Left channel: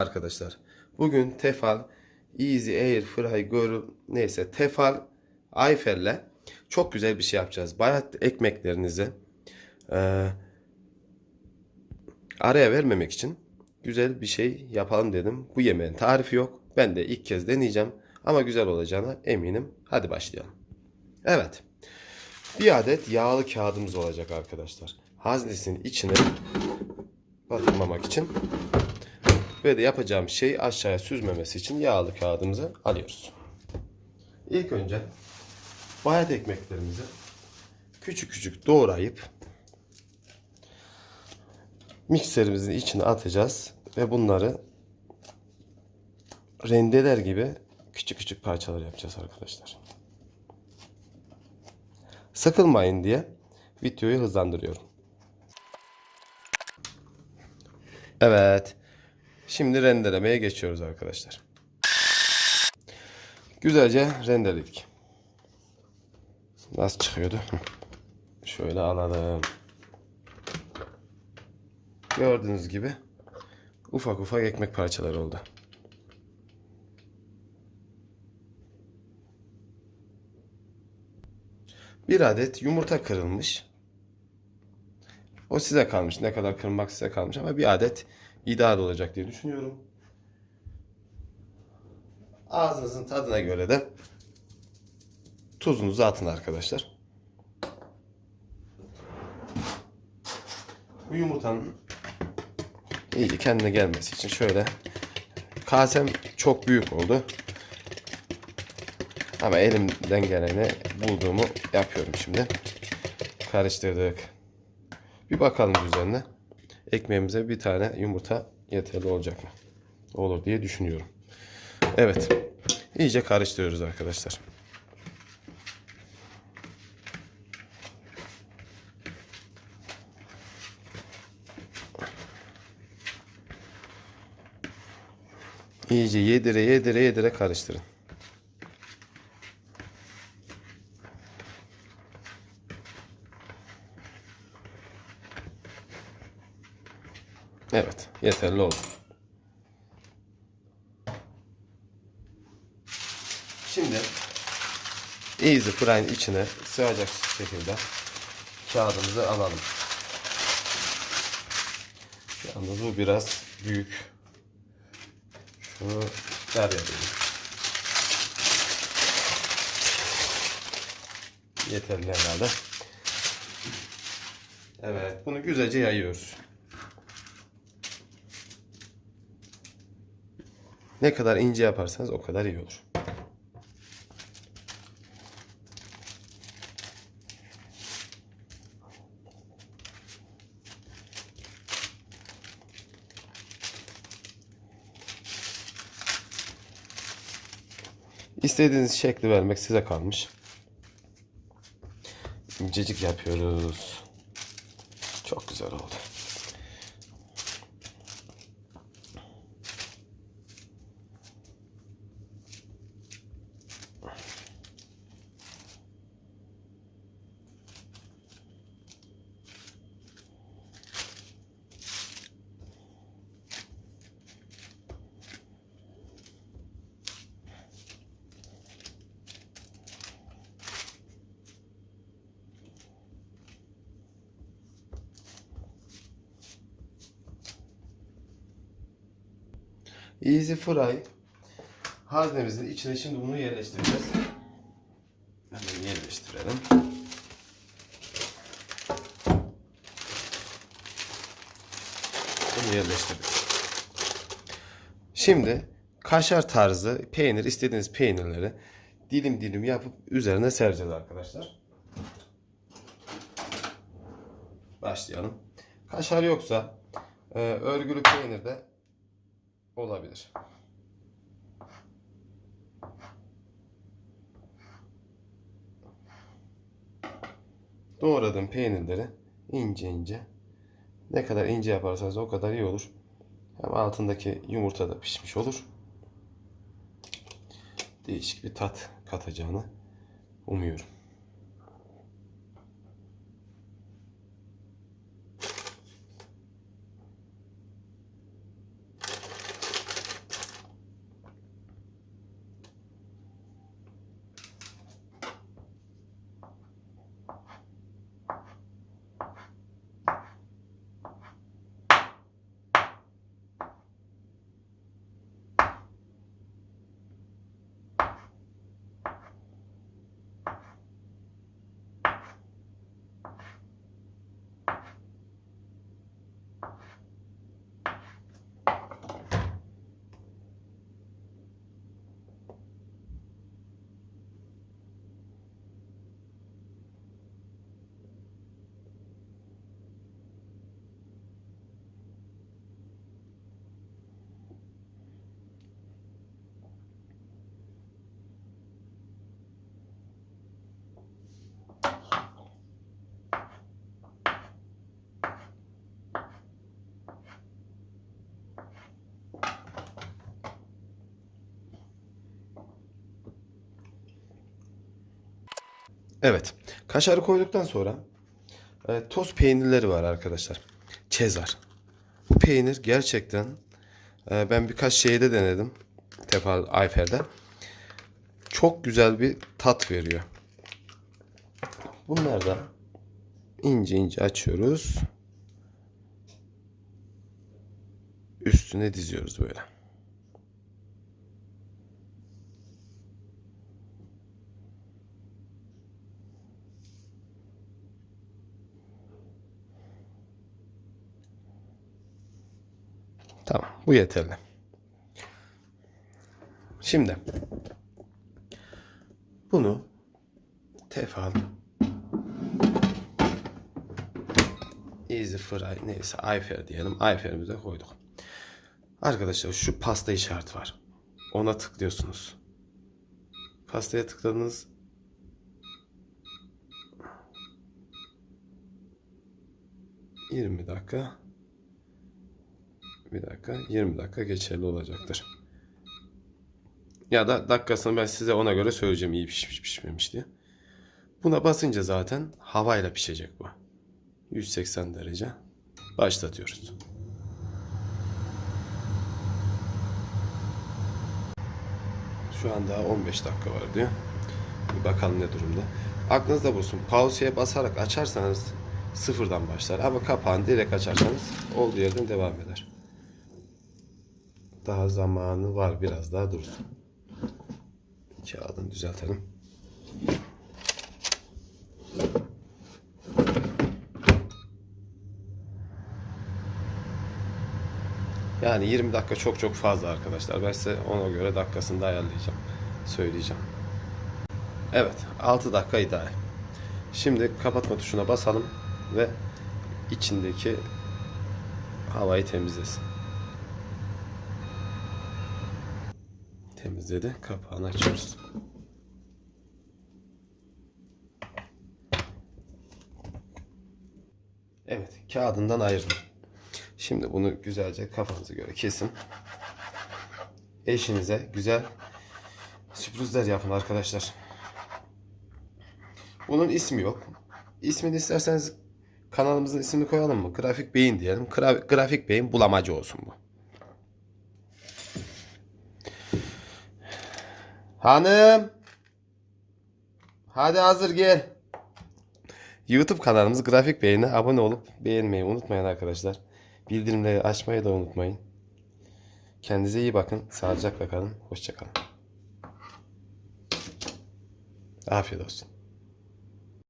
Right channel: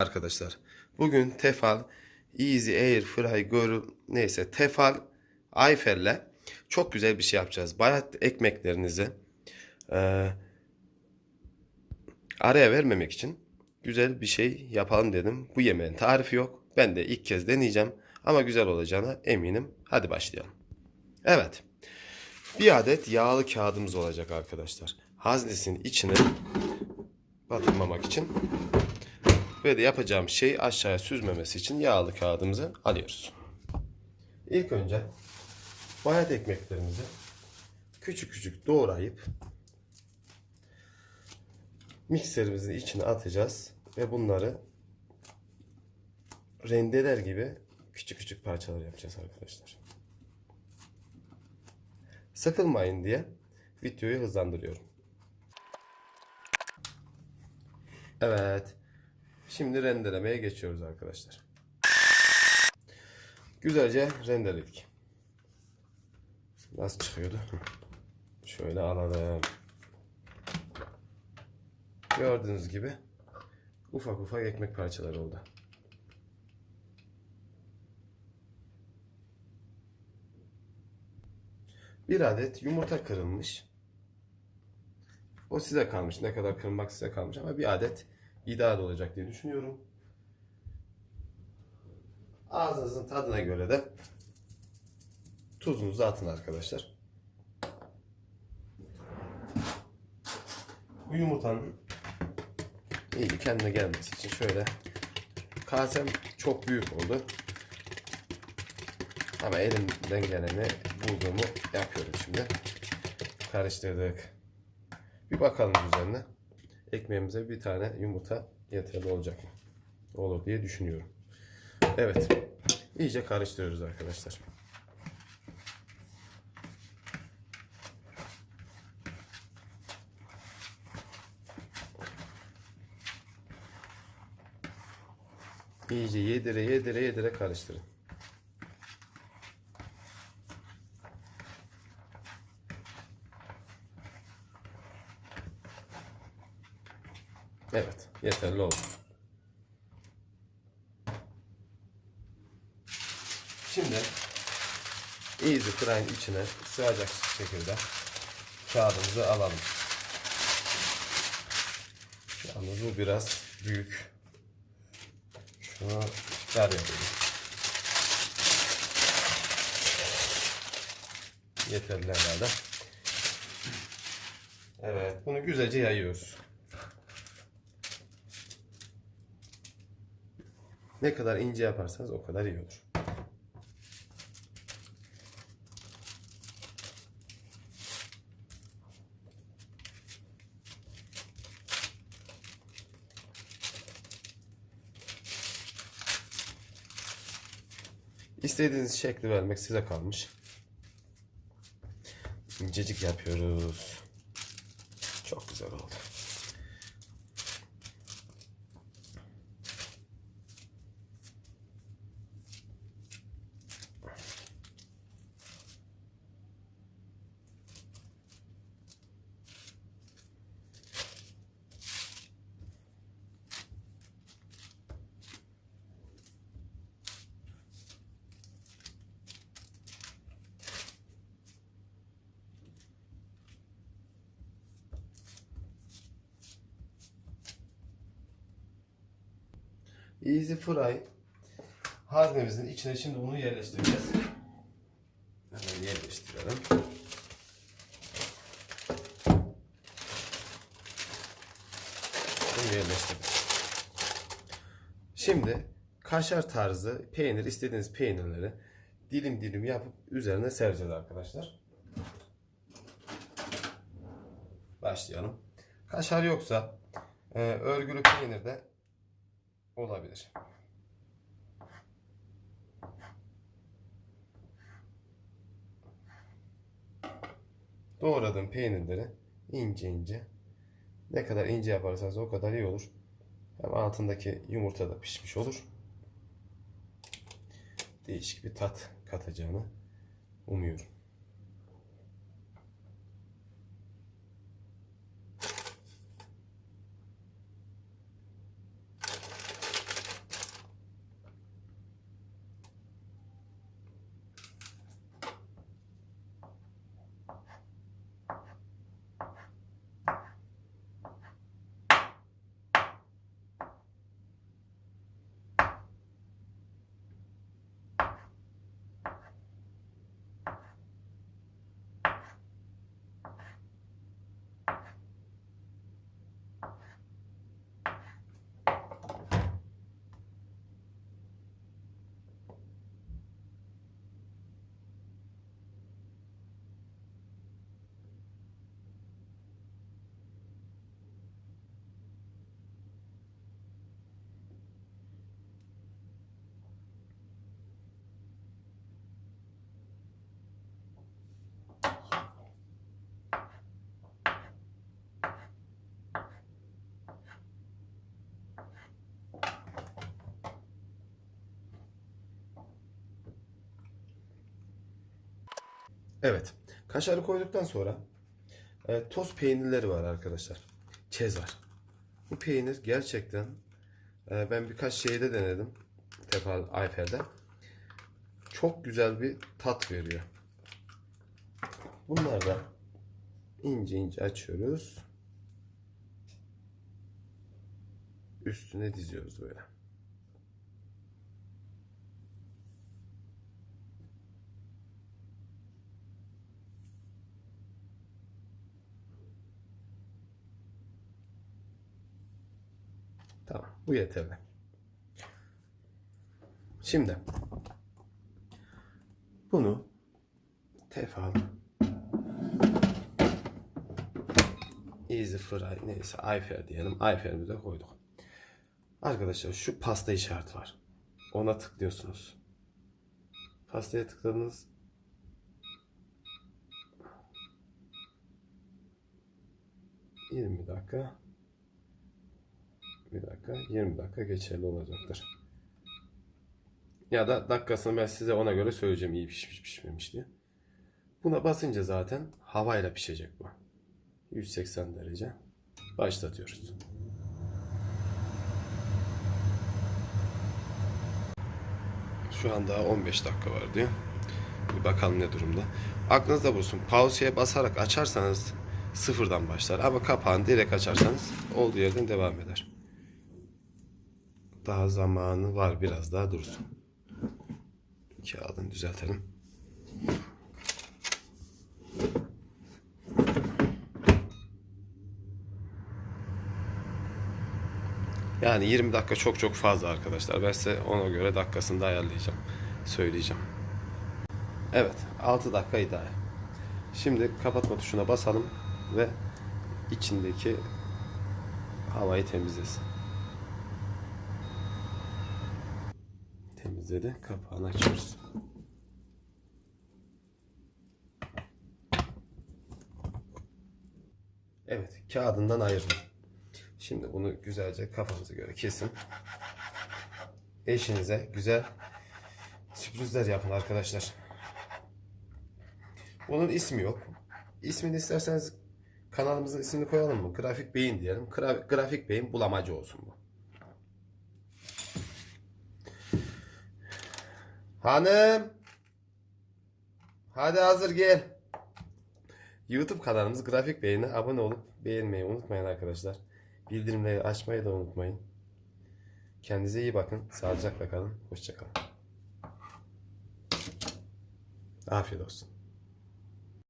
Arkadaşlar bugün Tefal Easy Air Fry Girl neyse Tefal Ayfer'le çok güzel bir şey yapacağız. Bayat ekmeklerinizi eee, araya vermemek için güzel bir şey yapalım dedim. Bu yemeğin tarifi yok. Ben de ilk kez deneyeceğim ama güzel olacağına eminim. Hadi başlayalım. Evet. Bir adet yağlı kağıdımız olacak arkadaşlar. Haznesinin içine batırmamak için Böyle yapacağım şey aşağıya süzmemesi için yağlı kağıdımızı alıyoruz. İlk önce bayat ekmeklerimizi küçük küçük doğrayıp mikserimizin içine atacağız ve bunları rendeler gibi küçük küçük parçalar yapacağız arkadaşlar. Sıkılmayın diye videoyu hızlandırıyorum. Evet. Şimdi rendelemeye geçiyoruz arkadaşlar. Güzelce rendeledik. Nasıl çıkıyordu? Şöyle alalım. Gördüğünüz gibi ufak ufak ekmek parçaları oldu. Bir adet yumurta kırılmış. O size kalmış. Ne kadar kırmak size kalmış ama bir adet ideal olacak diye düşünüyorum. Ağzınızın tadına göre de tuzunuzu atın arkadaşlar. Bu yumurtanın iyi kendine gelmesi için şöyle kasem çok büyük oldu. Ama elimden geleni bulduğumu yapıyorum şimdi. Karıştırdık. Bir bakalım üzerine. Ekmeğimize bir tane yumurta yeterli olacak mı? Olur diye düşünüyorum. Evet. İyice karıştırıyoruz arkadaşlar. İyice yedire yedire yedire karıştırın. Evet, yeterli oldu. Şimdi Easy Fry'in içine sığacak şekilde kağıdımızı alalım. Yalnız bu biraz büyük. Şunu dar yapayım. Yeterli herhalde. Evet, bunu güzelce yayıyoruz. Ne kadar ince yaparsanız o kadar iyi olur. İstediğiniz şekli vermek size kalmış. İncecik yapıyoruz. Çok güzel oldu. Easy Fry haznemizin içine şimdi bunu yerleştireceğiz. Hemen yerleştirelim. Bunu yerleştirdik. Şimdi kaşar tarzı peynir istediğiniz peynirleri dilim dilim yapıp üzerine sereceğiz arkadaşlar. Başlayalım. Kaşar yoksa e, örgülü peynir de olabilir. Doğradığım peynirleri ince ince ne kadar ince yaparsanız o kadar iyi olur. Hem altındaki yumurta da pişmiş olur. Değişik bir tat katacağını umuyorum. Evet. Kaşarı koyduktan sonra e, toz peynirleri var arkadaşlar. Çezar. Bu peynir gerçekten e, ben birkaç şeyde denedim. Tefal Ayfer'de. Çok güzel bir tat veriyor. Bunları da ince ince açıyoruz. Üstüne diziyoruz böyle. Tamam, bu yeterli. Şimdi bunu tefal Easy Fry neyse Ayfer diyelim. Ayfer'imize koyduk. Arkadaşlar şu pasta işareti var. Ona tıklıyorsunuz. Pastaya tıkladınız. ...20 dakika... ...bir dakika... ...20 dakika geçerli olacaktır. Ya da dakikasını ben size ona göre söyleyeceğim... ...iyi pişmiş pişmemiş diye. Buna basınca zaten... ...havayla pişecek bu. 180 derece... ...başlatıyoruz. Şu anda 15 dakika var diye. Bir bakalım ne durumda. Aklınızda bulsun. Pause'ye basarak açarsanız sıfırdan başlar. Ama kapağını direkt açarsanız olduğu yerden devam eder. Daha zamanı var. Biraz daha dursun. Kağıdını düzeltelim. Yani 20 dakika çok çok fazla arkadaşlar. Ben size ona göre dakikasını da ayarlayacağım. Söyleyeceğim. Evet 6 dakika ideal. Şimdi kapatma tuşuna basalım ve içindeki havayı temizlesin. Temizledi. Kapağını açıyoruz. Evet, kağıdından ayırdım. Şimdi bunu güzelce kafanıza göre kesin. Eşinize güzel sürprizler yapın arkadaşlar. Bunun ismi yok. İsmini isterseniz kanalımızın ismini koyalım mı? Grafik Beyin diyelim. Gra- Grafik Beyin bulamacı olsun bu. Hanım. Hadi hazır gel. YouTube kanalımız Grafik Beyin'e abone olup beğenmeyi unutmayın arkadaşlar. Bildirimleri açmayı da unutmayın. Kendinize iyi bakın. Sağlıcakla kalın. Hoşçakalın. Afiyet olsun.